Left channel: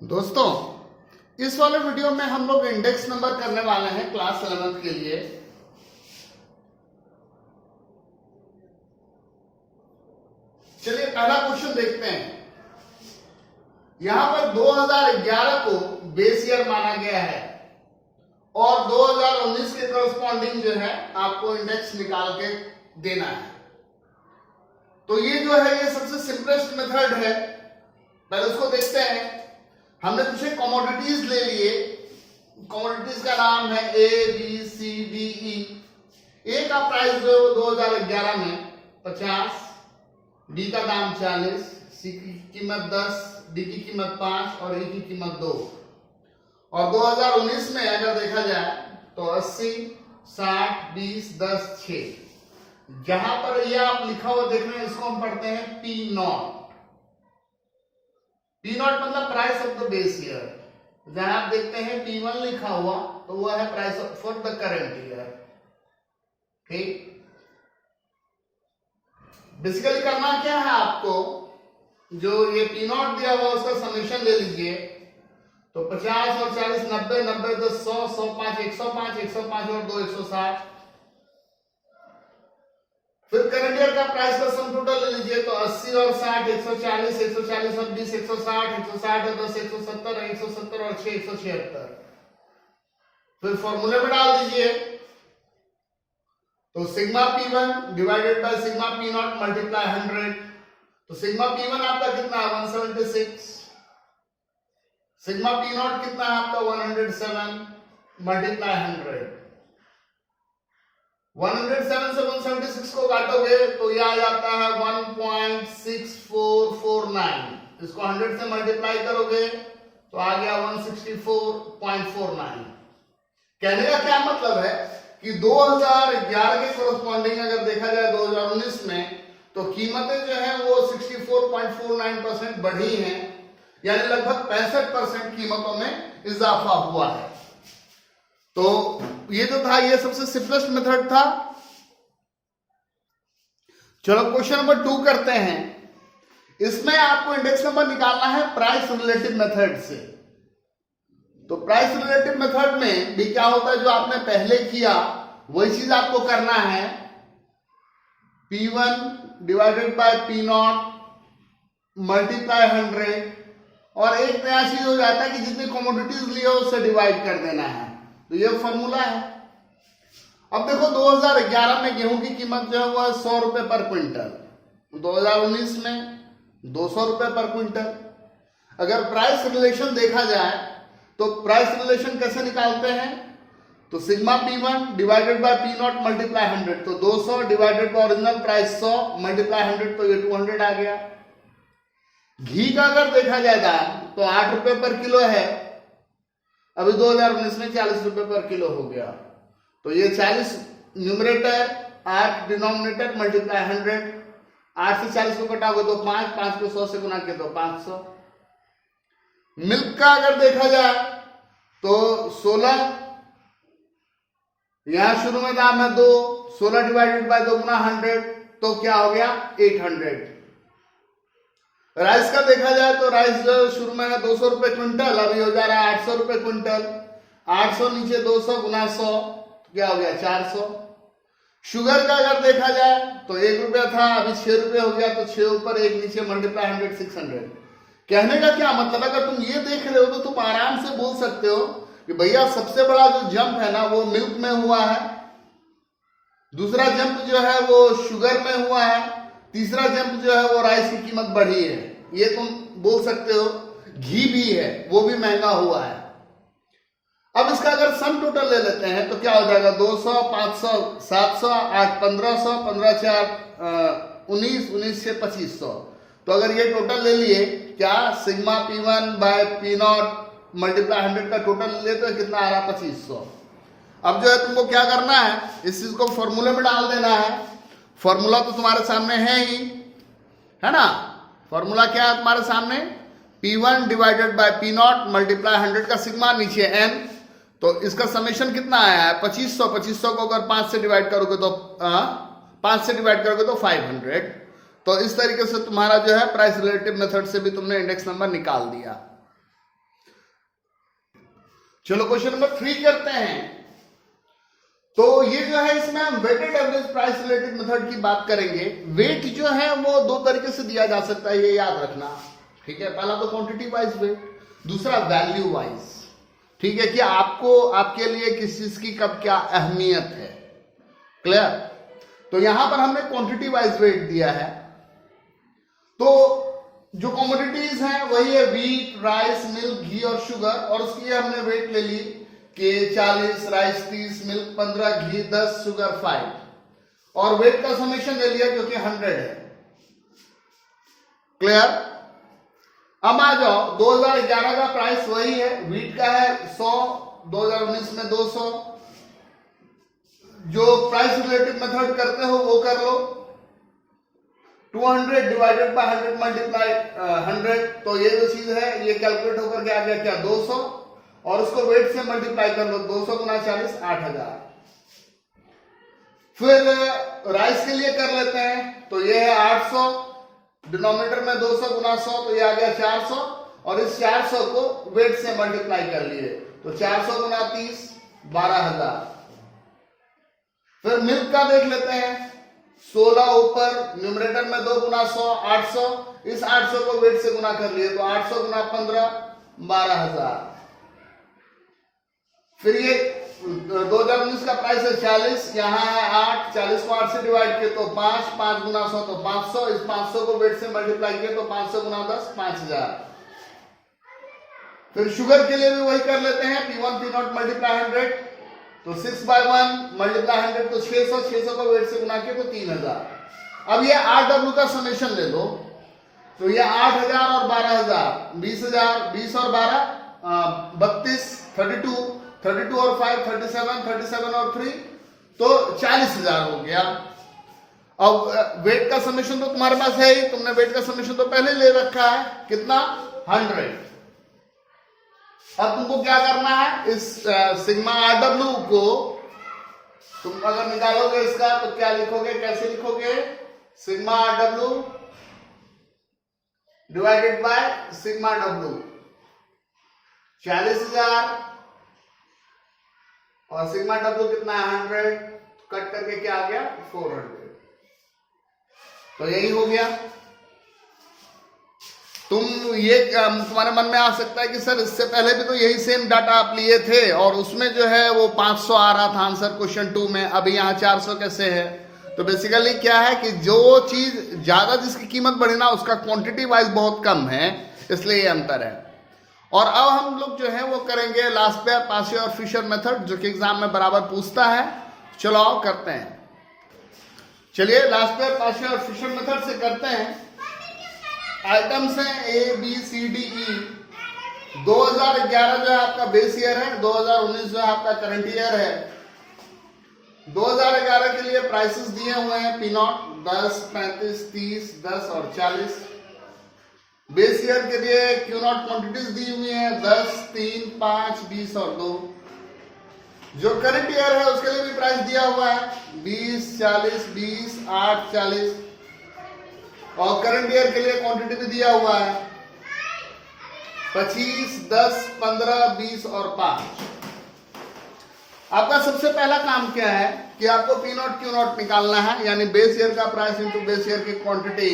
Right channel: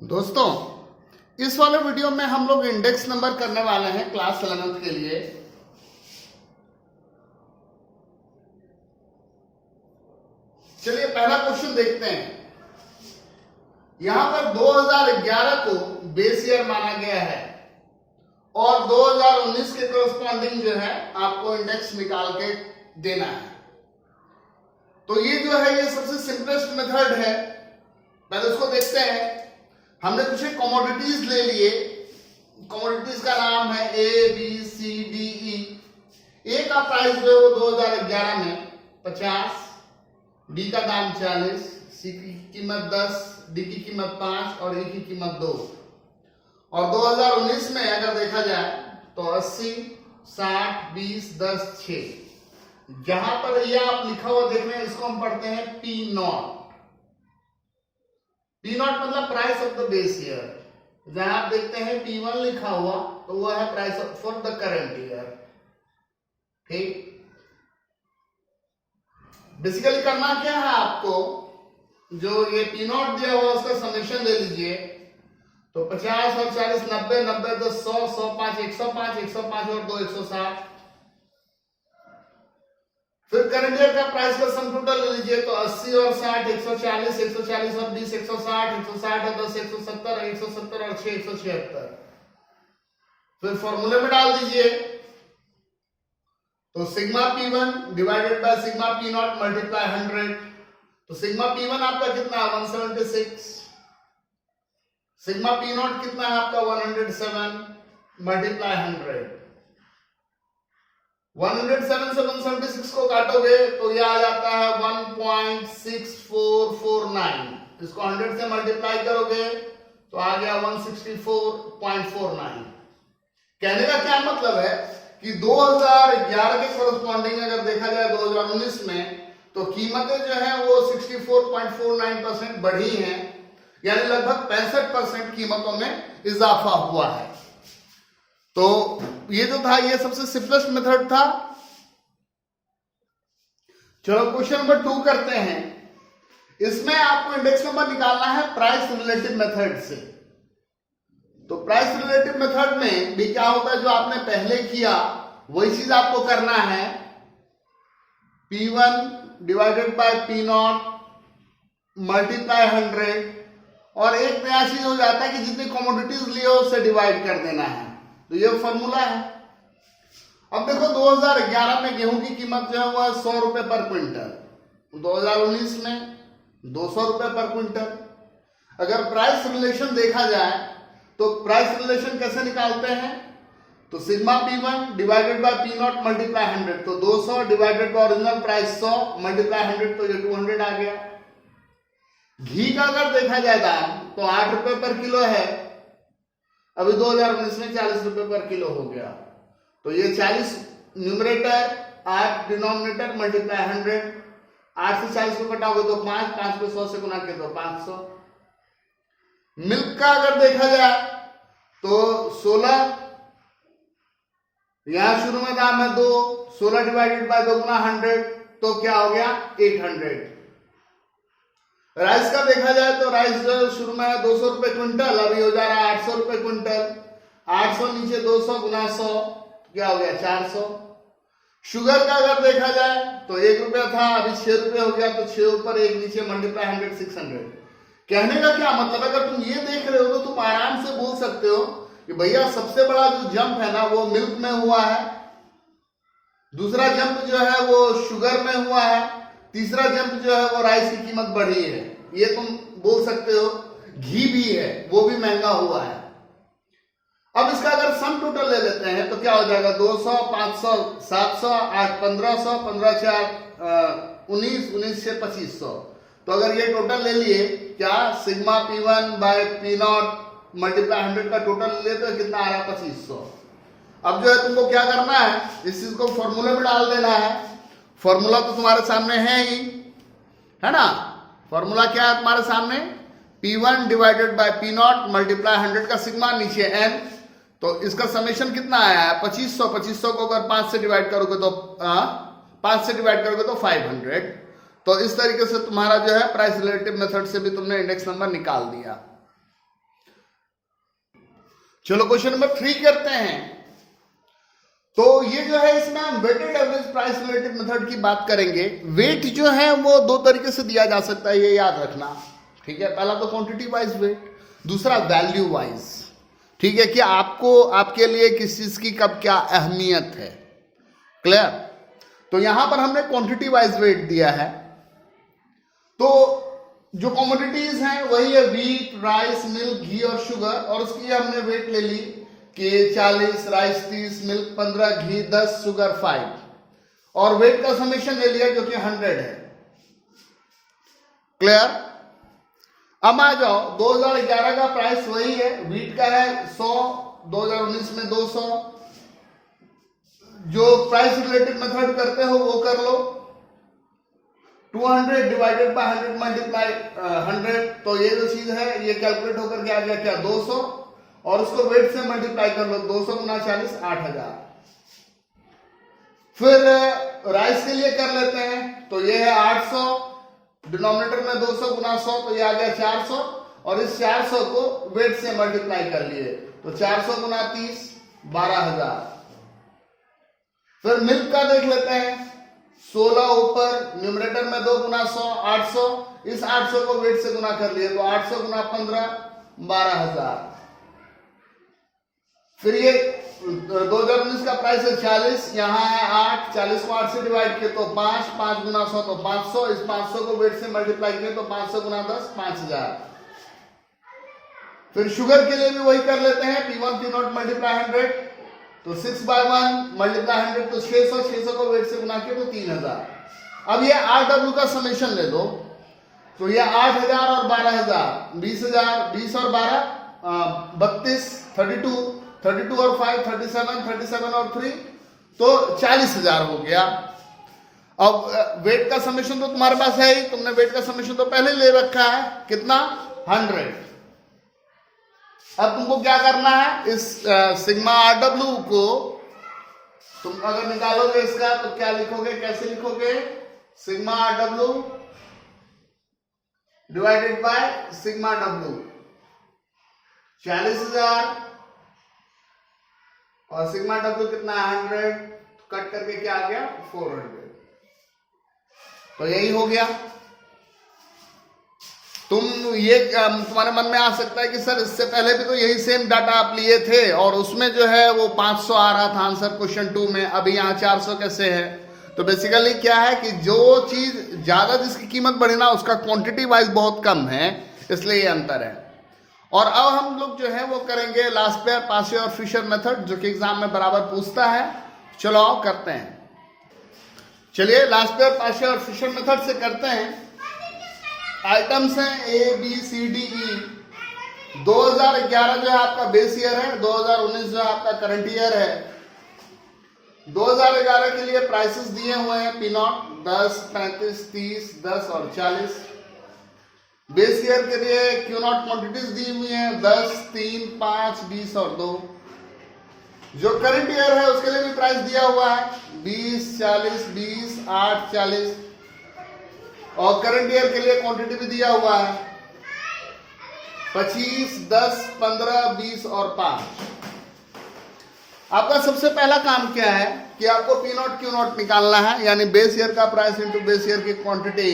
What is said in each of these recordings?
दोस्तों, इस वाले वीडियो में हम लोग इंडेक्स नंबर करने वाले हैं क्लास 11th के लिए। चलिए पहला क्वेश्चन देखते हैं। यहां पर 2011 को बेस ईयर माना गया है और 2019 के करस्पॉन्डिंग जो है आपको इंडेक्स निकाल के देना है। तो ये जो है ये सबसे सिंपलेस्ट मेथड है। पहले उसको देखते हैं। हमने कुछ कमोडिटीज ले लिए। कमोडिटीज का नाम है A B C D E. ए का प्राइस जो है वो 2011 में 50, डी का दाम 40, सी की कीमत 10, डी की कीमत 5 और ई की कीमत 2। और 2019 में अगर देखा जाए तो 80, 60, 20, 10, 6। जहां पर ये आप लिखा हुआ देख रहे हैं इसको हम पढ़ते हैं पी नॉट। पी नॉट मतलब price of the base year. जहां आप देखते हैं P1 लिखा हुआ तो वो है price for the current year. ठीक, बेसिकली करना क्या है आपको, जो ये P नॉट दिया हुआ उसका समेशन ले लीजिए। तो 50 और 40 90 90 10 100 105 105 105 और 2 160। फिर करंट ईयर का प्राइस का सम टोटल ले लीजिए। तो 80 और 60 140 140 और 20 160 160 और 10 170 170 और 6 176। फिर फॉर्मूले में डाल दीजिए। तो sigma P1 divided by sigma P nought multiply 100। तो सिग्मा P1 आपका कितना है 176। सिग्मा P नॉट कितना है आपका 107 मल्टीप्लाई 100। 107 से 176 को काटोगे तो यह आ जाता है 1.6449। इसको 100 से मल्टीप्लाई करोगे तो आ गया 164.49। कहने का क्या मतलब है कि 2011 के कोरस्पॉन्डिंग अगर देखा जाए 2019 में तो कीमतें जो है वो 64.49% बढ़ी हैं, यानी लगभग 65% कीमतों में इजाफा हुआ है। तो ये जो था ये सबसे सिंपलेस्ट मेथड था। चलो क्वेश्चन नंबर 2 करते हैं। इसमें आपको इंडेक्स नंबर निकालना है प्राइस रिलेटिव मेथड से। तो प्राइस रिलेटिव मेथड में भी क्या होता है, जो आपने पहले किया वही चीज आपको करना है। P1 divided by P nought multiply 100। और एक नया चीज हो जाता है कि जितनी कमोडिटीज लिए उससे डिवाइड कर देना है। तो ये फॉर्मूला है। अब देखो 2011 में गेहूं की कीमत जो है वो 100 रुपए पर क्विंटल, 2019 में 200 रुपए पर क्विंटल। अगर प्राइस रिलेशन देखा जाए तो प्राइस रिलेशन कैसे निकालते हैं, तो sigma P1 divided by P nought multiply 100। तो 200 divided by original price 100 multiply 100 तो ये 200 आ गया। घी का अगर देखा जाएगा तो 8 रुपए पर किलो है, अभी 2019 में 40 रुपए पर किलो हो गया। तो ये 40 न्यूमरेटर 8 डिनोमिनेटर मल्टीप्लाई 100। 8 से 40 को कटाओगे तो 5, 5 को 100 से गुना के तो 500। मिल्क का अगर देखा जाए तो 16, यहां शुरू में दाम है 2, 16 डिवाइडेड बाय 2 गुना 100 तो क्या हो गया 800। राइस का देखा जाए तो राइस जो शुरू में है 200 रुपए क्विंटल, अभी हो जा रहा है 800 रुपए क्विंटल। 800 नीचे 200 गुना 100 क्या हो गया 400। शुगर का अगर देखा जाए तो 1 रुपया था, अभी 6 रुपये हो गया। तो 6 ऊपर 1 नीचे मल्टीप्लाई 100 600। कहने का क्या मतलब है, अगर तुम ये देख रहे हो तो तुम आराम से बोल सकते हो कि भैया सबसे बड़ा जो जंप है ना वो मिल्क में हुआ है, दूसरा जंप जो है वो शुगर में हुआ है, तीसरा जंप जो है वो राइस की कीमत बढ़ी है। ये तुम बोल सकते हो। घी भी है, वो भी महंगा हुआ है। अब इसका अगर सम टोटल ले लेते हैं तो क्या हो जाएगा 200 500 700 8 1500 15 4 19 19 से 2500। तो अगर ये टोटल ले लिए क्या sigma P1 by P nought multiply 100 का टोटल ले तो कितना आ रहा 2500। अब जो है तुमको क्या करना है, इस चीज को फॉर्मूले में डाल देना है। फॉर्मूला तो तुम्हारे सामने है ही, है ना। फॉर्मूला क्या है तुम्हारे सामने, P1 divided by P nought multiply 100 का सिग्मा नीचे n। तो इसका समेशन कितना आया है 2500। 2500 को अगर 5 से डिवाइड करोगे तो 5 से डिवाइड करोगे तो 500। तो इस तरीके से तुम्हारा जो है प्राइस रिलेटिव मेथड से भी तुमने इंडेक्स नंबर निकाल दिया। चलो क्वेश्चन नंबर 3 करते हैं। तो ये जो है इसमें हम weighted average price related method की बात करेंगे। वेट जो है वो दो तरीके से दिया जा सकता है, ये याद रखना, ठीक है। पहला तो क्वांटिटी वाइज वेट, दूसरा वैल्यू वाइज, ठीक है, कि आपको आपके लिए किस चीज की कब क्या अहमियत है। क्लियर? तो यहां पर हमने क्वांटिटी वाइज वेट दिया है। तो जो कमोडिटीज हैं वही है व्हीट, राइस, मिल्क, घी और शुगर, और उसकी हमने वेट ले ली कि 40, राइस 30, मिल्क 15, घी 10, शुगर 5, और वेट का समेशन ले लिया जो कि 100 है। क्लियर? अब आ जाओ, 2011 का प्राइस वही है, व्हीट का है 100, 2019 में 200। जो प्राइस रिलेटेड मेथड करते हो वो कर लो, 200 डिवाइडेड बाय 100 मल्टीप्लाई 100, तो ये जो चीज है ये कैलकुलेट होकर के आ गया क्या 200, और उसको वेट से मल्टीप्लाई कर लो, 200 गुना 40 8000। फिर राइस के लिए कर लेते हैं, तो ये है 800, डिनोमिनेटर में 200 गुना 100, तो ये आ गया 400, और इस 400 को वेट से मल्टीप्लाई कर लिए, तो 400 गुना 30 12000। फिर मिल्क का देख लेते हैं, 16 ऊपर, न्यूमरेटर में 2 गुना 100 800, इस 800 को वेट से गुना कर लिए, तो 800 गुना 15 12000। फिर ये 2019 का प्राइस है 40, यहाँ है 8, 40 को 8 से डिवाइड किए तो 5, 5 गुना 100 तो 500, इस 500 को वेट से मल्टीप्लाई किए तो 500 गुना 10 5000। फिर शुगर के लिए भी वही कर लेते हैं, P1 P0 मल्टीप्लाई 100, तो 6/1 मल्टीप्लाई 100 तो 600, 600 को वेट से गुना किए तो 3000। अब ये RW का समेशन ले लो, तो ये 8000 और 12000, 20000, 20 और 12 32, 32 और 5 37, 37 और 3 तो 40000 हो गया। अब वेट का समेशन तो तुम्हारे पास है ही, तुमने वेट का समेशन तो पहले ले रखा है, कितना 100। अब तुमको क्या करना है, इस सिग्मा RW को तुम अगर निकालोगे इसका तो क्या लिखोगे, कैसे लिखोगे, sigma RW divided by sigma W, 40000 और सिग्मा W कितना है 100, कट करके क्या आ गया 400, तो यही हो गया। तुम ये तुम्हारे मन में आ सकता है कि सर इससे पहले भी तो यही सेम डाटा आप लिए थे और उसमें जो है वो 500 आ रहा था आंसर क्वेश्चन 2 में, अभी यहाँ 400 कैसे है। तो बेसिकली क्या है कि जो चीज ज्यादा जिसकी कीमत बढ़े ना उसका क्वांटिटी वाइज बहुत कम है, इसलिए ये अंतर है। और अब हम लोग जो है वो करेंगे लास्ट पेयर पासे और फिशर मेथड, जो कि एग्जाम में बराबर पूछता है। चलो आओ करते हैं, चलिए लास्ट पेयर पासे और फिशर मेथड से करते हैं। आइटम्स हैं A B C D E। 2011 जो है आपका बेस ईयर है, 2019 जो है आपका करंट ईयर है। 2011 के लिए प्राइसेस दिए हुए हैं, P0 10, 35, 30, 10 और 40। बेस ईयर के लिए Q0 क्वांटिटीज दी हुई हैं 10, 3, 5, 20 और 2। जो करंट ईयर है उसके लिए भी प्राइस दिया हुआ है 20, 40, 20, 8, 40, और करंट ईयर के लिए क्वांटिटी भी दिया हुआ है 25, 10, 15, 20 और 5। आपका सबसे पहला काम क्या है कि आपको P0 Q0 निकालना है, यानी बेस ईयर का प्राइस इंटू बेस ईयर की क्वांटिटी।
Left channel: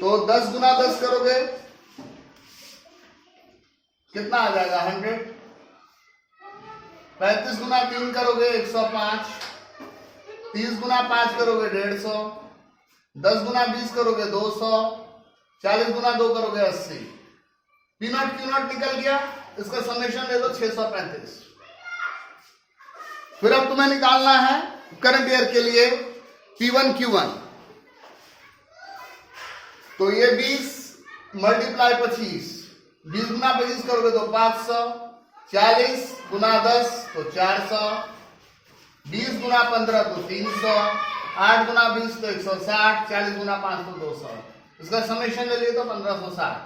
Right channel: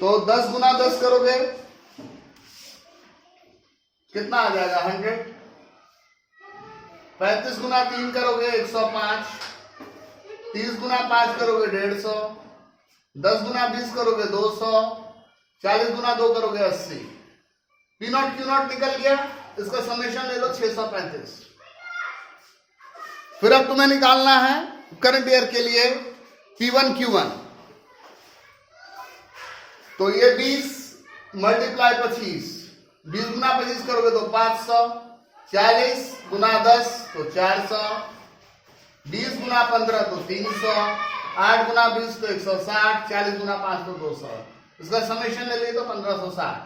तो 10 गुना 10 करोगे कितना आ जाएगा 100। 35 गुना 3 करोगे 105। 30 गुना 5 करोगे 150। 10 गुना 20 करोगे 200। 40 गुना 2 करोगे 80। P0 Q0 निकल गया, इसका समेशन ले लो 635। फिर अब तुम्हें निकालना है करंट ईयर के लिए P1 Q1। तो ये 20 मल्टीप्लाई 25, 20 गुना 25 करोगे तो 500। 40 गुना 10 तो 400। 20 गुना 15 तो 300। 8 गुना 20 तो 160। 40 गुना 5 तो 200। इसका समेशन ले लिए तो 1560।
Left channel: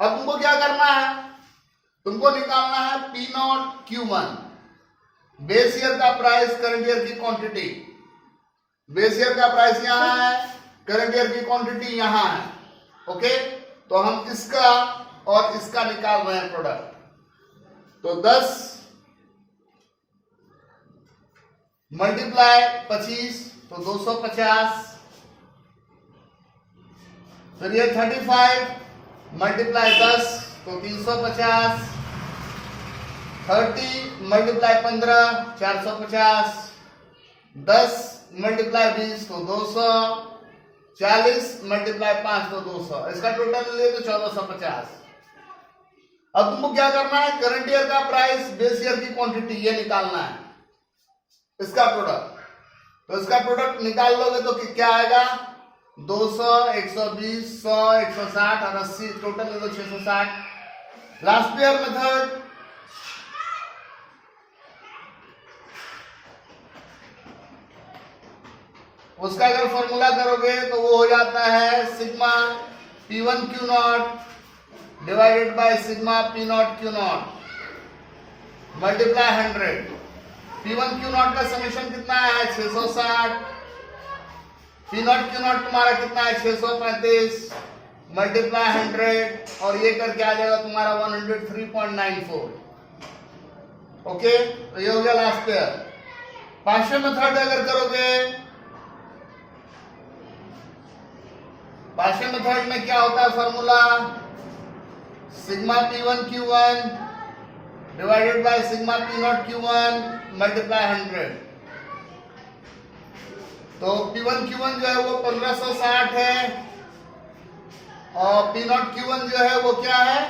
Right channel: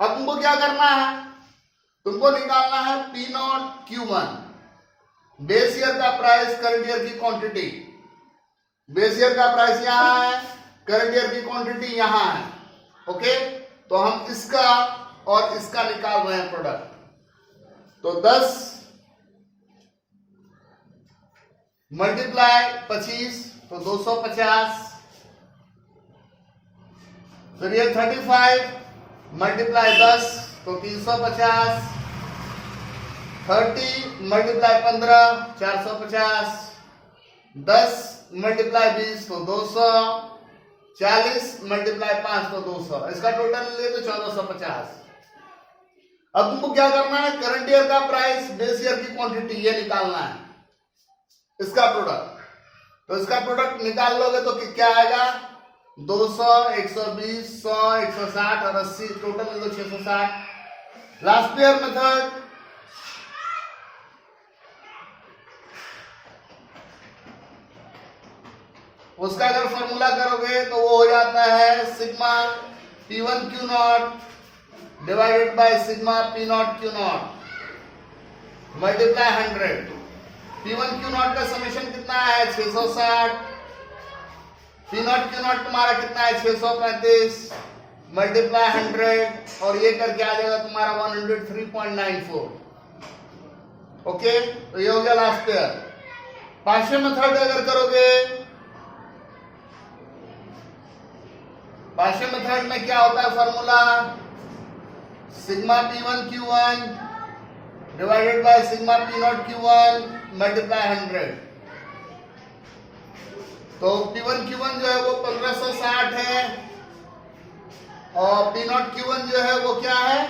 अब तुमको क्या करना है, तुमको निकालना है P0 Q1, बेस ईयर का प्राइस, करंट ईयर की क्वांटिटी। बेस ईयर का प्राइस यहां है, करंट ईयर की क्वांटिटी यहां है। ओके, तो हम इसका और इसका निकाल रहे हैं प्रोडक्ट। तो 10 मल्टीप्लाई 25 तो 250। फिर ये 35 मल्टीप्लाई 10 तो 350। 30 मल्टीप्लाई 15 450। 10 मल्टीप्लाई 20 तो 200। 40 मल्टीप्लाई 5 तो 200। इसका टोटल ले तो 1450। अब तुमको क्या करना है, करंट ईयर का प्राइस, बेस ईयर की क्वांटिटी, ये निकालना है, इसका प्रोडक्ट। तो इसका प्रोडक्ट निकाल लोगे तो क्या आएगा, 200, 120, 100, 160 और 80, टोटल ले लो 660। लास्ट ईयर मेथड, उसका अगर फॉर्मूला करोगे तो वो हो जाता है sigma P1 Q not divided by sigma P not Q not multiply 100। P1 Q not का समेशन कितना है, 660। P नॉट Q नॉट तुम्हारा कितना है, 635 मल्टीप्लाई 100 और ये करके आ जाएगा तुम्हारा 103.94। ओके, तो ये हो गया लास्ट ईयर। पार्शियल मेथड अगर करोगे, पार्शियल मेथड में क्या होता है formula, sigma P1 Q1 divided by sigma P not Q1 multiply 100। तो P1 Q1 जो है वो 1560 है और P नॉट Q1 जो है वो क्या है,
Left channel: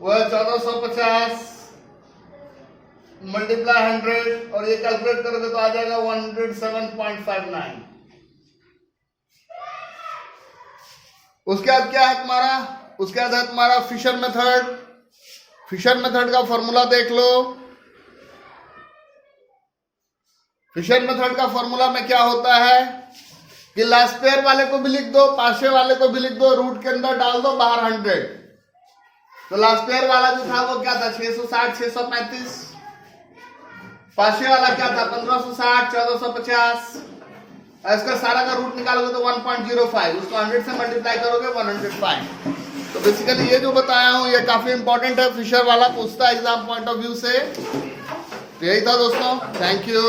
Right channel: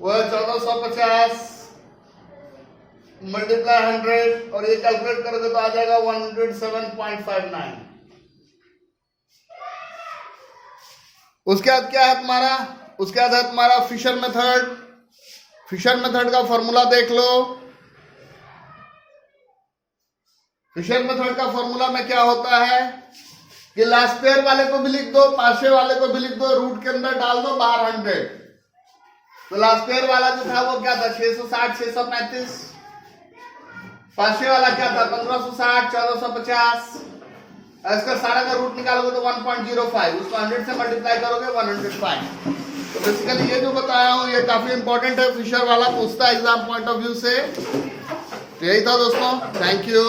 वो है 1450 मल्टीप्लाई 100 और ये कैलकुलेट करोगे तो आ जाएगा 107.59। उसके बाद क्या है तुम्हारा, उसके बाद है तुम्हारा फिशर मेथड। फिशर मेथड का फॉर्मूला देख लो। फिशर मेथड का फॉर्मूला में क्या होता है कि लास्ट पेयर वाले को भी लिख दो, पार्शियल वाले को भी लिख दो, रूट के अंदर डाल दो, बाहर 100। तो लास्ट पेयर वाला जो था वो क्या था, 660 635। पार्शियल वाला क्या था, 1560 1450। इसका सारा का रूट निकालोगे तो 1.05, उसको 100 से मल्टीप्लाई करोगे 105। तो बेसिकली ये जो बताया हूं ये काफी इंपॉर्टेंट है, फिशर वाला पूछता है एग्जाम पॉइंट ऑफ व्यू से। तो यही था दोस्तों, थैंक यू।